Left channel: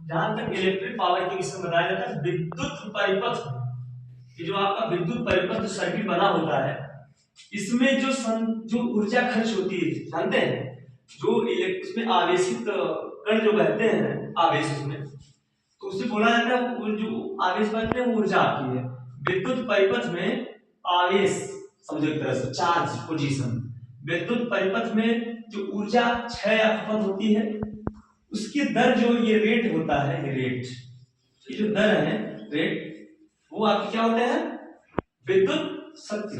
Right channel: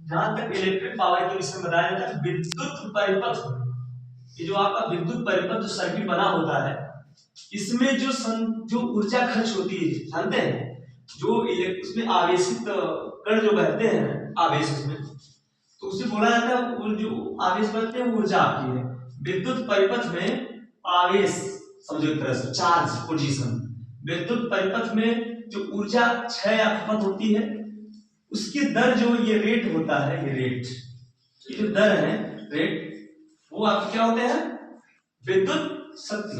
जहां तक electric power के विषय में बताया जाता है, विद्युत परिपथ, ये जो आपका विद्युत परिपथ जो सर्किट बना होता है, इसमें जो ऊर्जा खर्च होती है, जानते हैं, जो उसमें आवेशित कण जो बहते हैं आवेश उसमें, तो उसे बोला जाता है, वो जो आवेश बहते हैं वो ऊर्जा आपकी है। विद्युत परिपथ में आवेश, समझो एक तरह से चार्ज पोजीशन, विद्युत परिपथ में जो ऊर्जा क्षय या खपत होती है, उसकी दर जो ये रेट होता है, ये रेट, ये जो दर है रेट, वो आपके क्या होते हैं, विद्युत शक्ति।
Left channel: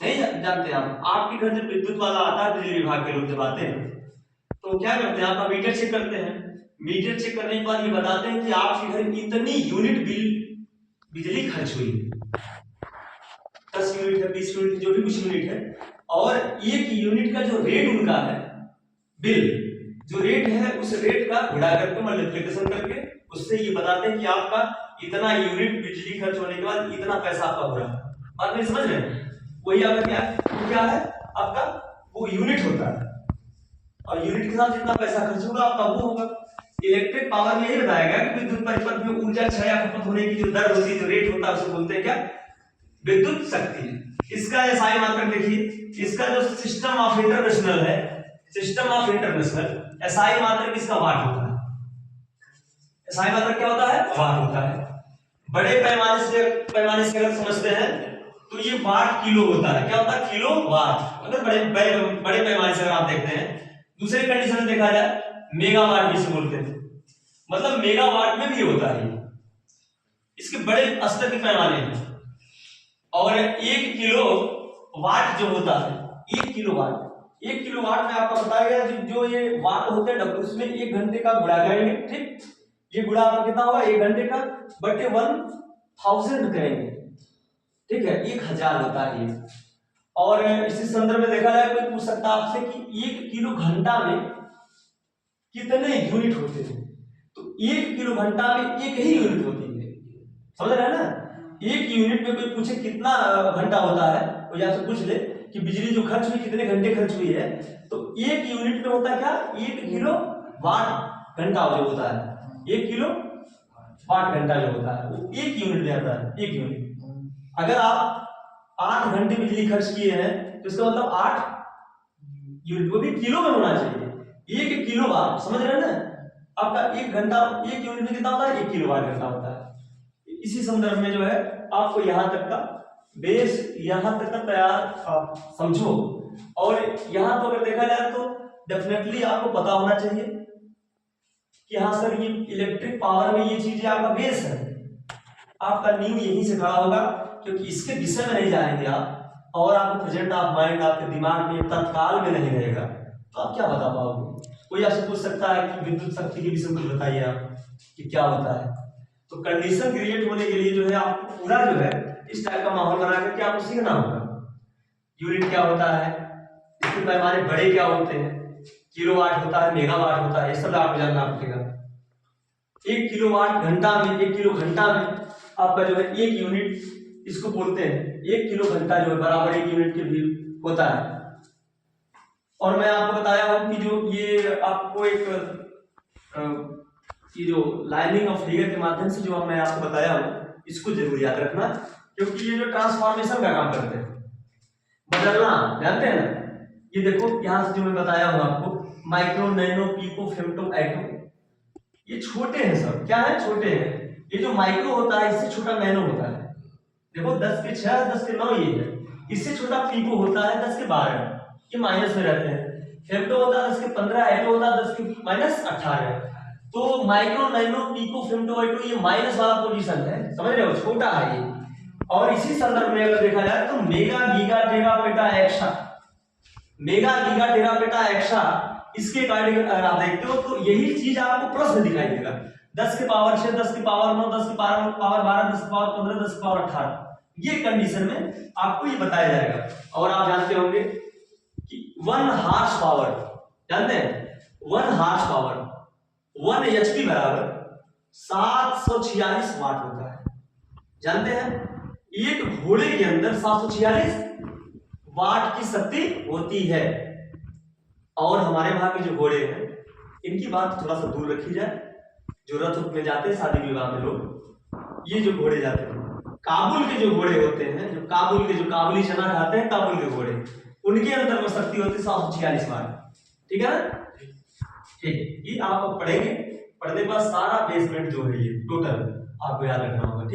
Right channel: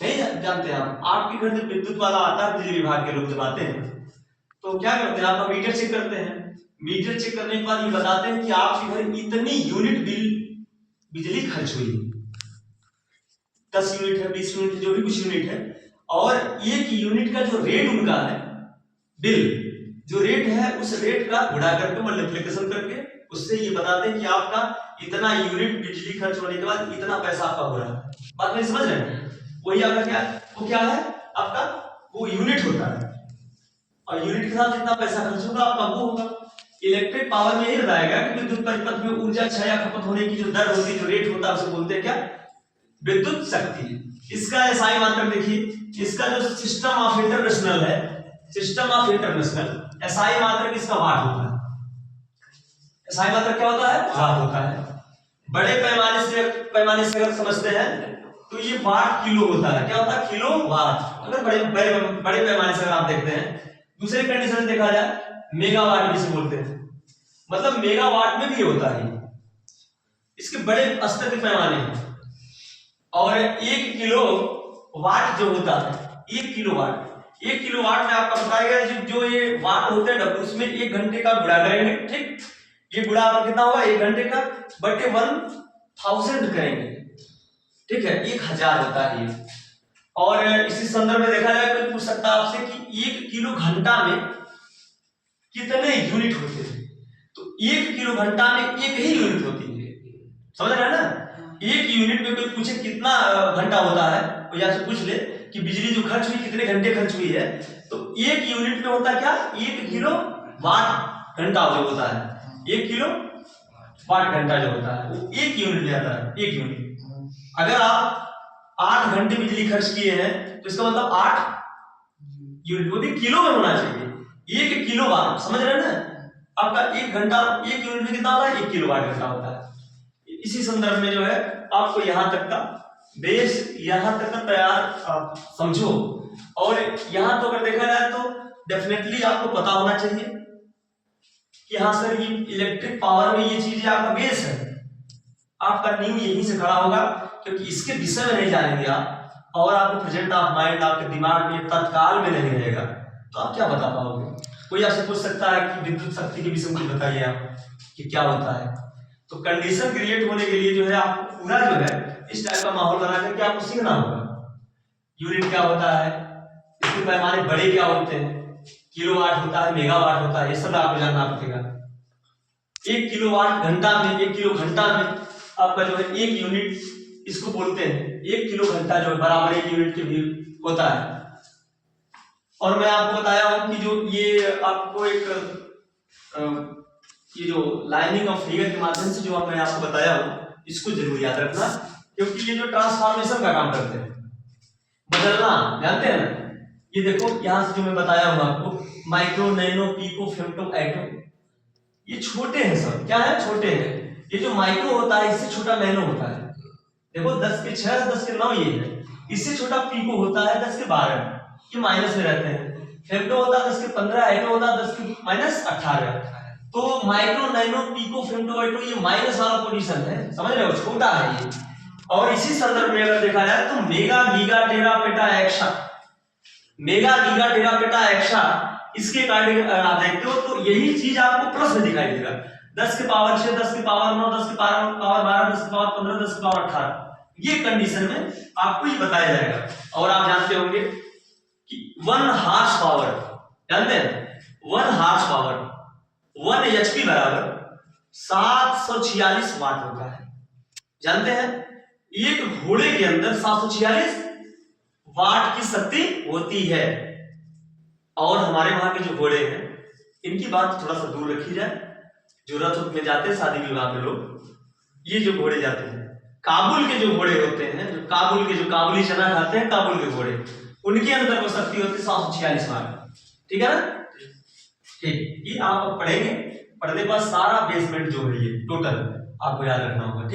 नहीं जानते आप, आपके घर जब विद्युत वाला आता है, बिजली विभाग के लोग जब आते हैं तो क्या करते हैं, आपका मीटर चेक करते हैं। मीटर चेक करने के बाद ये बताते हैं कि आपके घर इतनी यूनिट बिजली खर्च हुई, 10 यूनिट है, 20 यूनिट है, जो भी कुछ यूनिट है, और एक यूनिट का जो रेट उनका है, बिल जो रेट है, उस रेट का गुणा करके मल्टीप्लिकेशन करके उससे ये बताते हैं कि आपका इतना यूनिट बिजली खर्च होने के बाद इतना पैसा आपका हो रहा है। बात नहीं समझ रहे हैं? वही आपका क्या, वो क्या है आपका, वो यूनिट होता है, और यूनिट के साथ जितना पैसा खर्च होगा आपका वो होगा। इलेक्ट्रिक पावर में यही बताया गया कि विद्युत परिपथ में ऊर्जा क्षय या खपत होने की जो दर होती है, जो रेट होता है, उसे बोलते हैं क्या, विद्युत शक्ति। इसका एसआई मात्रक देखिए, इसका जो सिस्टम ऑफ इंटरनेशनल है, सिस्टम ऑफ इंटरनेशनल, एसआई मात्रक इसका वाट होता है। एसआई मात्रक क्या होता है, वाट होता है। बड़े पैमाने से अगर समझते हैं तो ये वाट किलो होता है। क्या होता है, किलो वाट। अगर बड़े पैमाने से अगर आप देखते हैं, दूसरे कंडीशन में देखा जाए मेगावाट भी इसे बोलते हैं, मतलब मेगावाट में भी होता है, इसके बड़े स्तर के पैमाने हैं। और 1 किलो वाट जो होता है, 1 किलो वाट, 1 किलो वाट में आपका बताया गया जो ये वाट होते हैं, उसमें 1 घंटे का गुणा करेंगे, ठीक, ये गुणा आपका कितना होगा, 1 घंटे का बटे 1000 करेंगे, ठीक है, 1000 होता है ये। और इसी संदर्भ में देखा जाए तो पूछ सकता है आपसे कि 1 किलो घंटा में कितने यूनिट होते हैं, तो 1 किलो घंटा में एक ही यूनिट होती है, समझ रहे हैं ना। 1 यूनिट में कोई पूछे कितना घंटा होता है, वो यहाँ से पूछ ले कि बिजली जो खर्च हुई कितने घंटे खर्च हुई है, तो 1 यूनिट में होता क्या, 1 किलो वाट घंटा जो होता है, 1 किलो वाट घंटा जो होता है वो 1 यूनिट में आता है, 1 यूनिट। अगर आप 8 घंटे बिजली खर्च किए हैं तो इसका मतलब 8 यूनिट, वो भी किलो में होना चाहिए, 1 किलो वाट, समझ रहे हैं ना। आपका 1 घंटा 1 यूनिट में कितना होता है, 1 किलो वाट घंटा होता है। इसी संदर्भ में जो है आपको यहां तक का बेस, यहां तक का तैयार आप समझो। और यहां तो अगर देखा जाए तो डेफिनेटली आपको पता होना चाहिए कि हाँ सर, ये इलेक्ट्रिक पावर में ये चीजें आपका बेस है, आपका नींव यहीं से खड़ा होगा, क्योंकि इसके विषय में नहीं जानेंगे आप, और आपको प्रेजेंट ऑफ माइंड आपके दिमाग में तत्काल में नहीं रहेगा, तो आप क्या बता पाओगे। कोई आपसे पूछ सकता है कि विद्युत शक्ति के विषय में कुछ बताइए आप कि क्या होता है, तो कंडीशन क्रिएट होने के लिए जो है आपको पूरा जो है इस टाइप का माहौल बना करके आपको सीखना होगा। यूनिट क्या होता है, इसके पैमाने बड़े क्या होते हैं, किलोवाट होता है, मेगावाट होता है, ये सब आपको जानना पड़ेगा। 1 किलोवाट घंटा में, 1 किलो घंटा में आपका जो है 1 यूनिट इसको बोलते हैं, 1 किलो घंटा जो है बराबर 1 यूनिट के भी होता है। और मैं आपको बताया हूं कि जो ये आपको एक ये जो लाइनिंग ऑफ फिगर के माध्यम से जो मैं आपको बताया हूं, इसको जरूर याद रखना, क्योंकि ये जो ट्रांसफॉर्मेशन का काम करते हैं, बदलना, जानते हैं ना। ये देखो यहां से जो मैं बताया हूं आपको, micro, nano, pico, femto, atom, ये छोटे हैं, सब क्या है, छोटे हैं। ये जो माइक्रो होता है इससे छोटा नैनो होता है, देखो 10 के 6, 10 के 9 ये है, इससे छोटा पीको होता है 10 के 12, ये माइनस में रहते हैं। फेम्टो होता है 10 के 15, एटो होता है 10 के -18। तो माइक्रो, नैनो, पीको, फेम्टो, एटो ये माइनस वाला पोजीशन है, समझ रहे हो, छोटा है ये। और इसी संदर्भ में अगर देखा जाए तो मेगा, गीगा, टेरा, पेटा, एक्सा, मेगा, गीगा, टेरा, पेटा, एक्सा, इसके अकॉर्डिंग अगर आप देखते हो तो यही चीज आपको प्रश्न दिखाई देगा, 10 के पावर 6, 10 के पावर 9, 10 के पावर 12, 10 के पावर 15, 10 के पावर 18, ये कंडीशन में आपको ये बताया जाएगा। और आप जानते होंगे कि 1 हार्स पावर, जानते हैं 1 हार्स पावर 1 एचपी बराबर 746 वाट होता है, जानते हैं। एक घोड़े के अंदर 746 वाट की शक्ति होती है। और हमारे वहां के जो घोड़े हैं, इनकी बात थोड़ा सा दूर रखी जाए, जो रथ में जाते हैं शादी विवाह में लोग, ये जो घोड़े जाते हैं, काबुल के जो घोड़े होते हैं, जो काबुल के, जो काबुली चना खाते हैं, काबुल के घोड़े, उनके अंदर वो शक्ति होती है 746 मार्क। ठीक है ना? ठीक, ये आप पढ़ेंगे, पढ़ने के बाद सारा बेसमेंट जो है ये टोटल आपको याद रखना होगा। ठीक।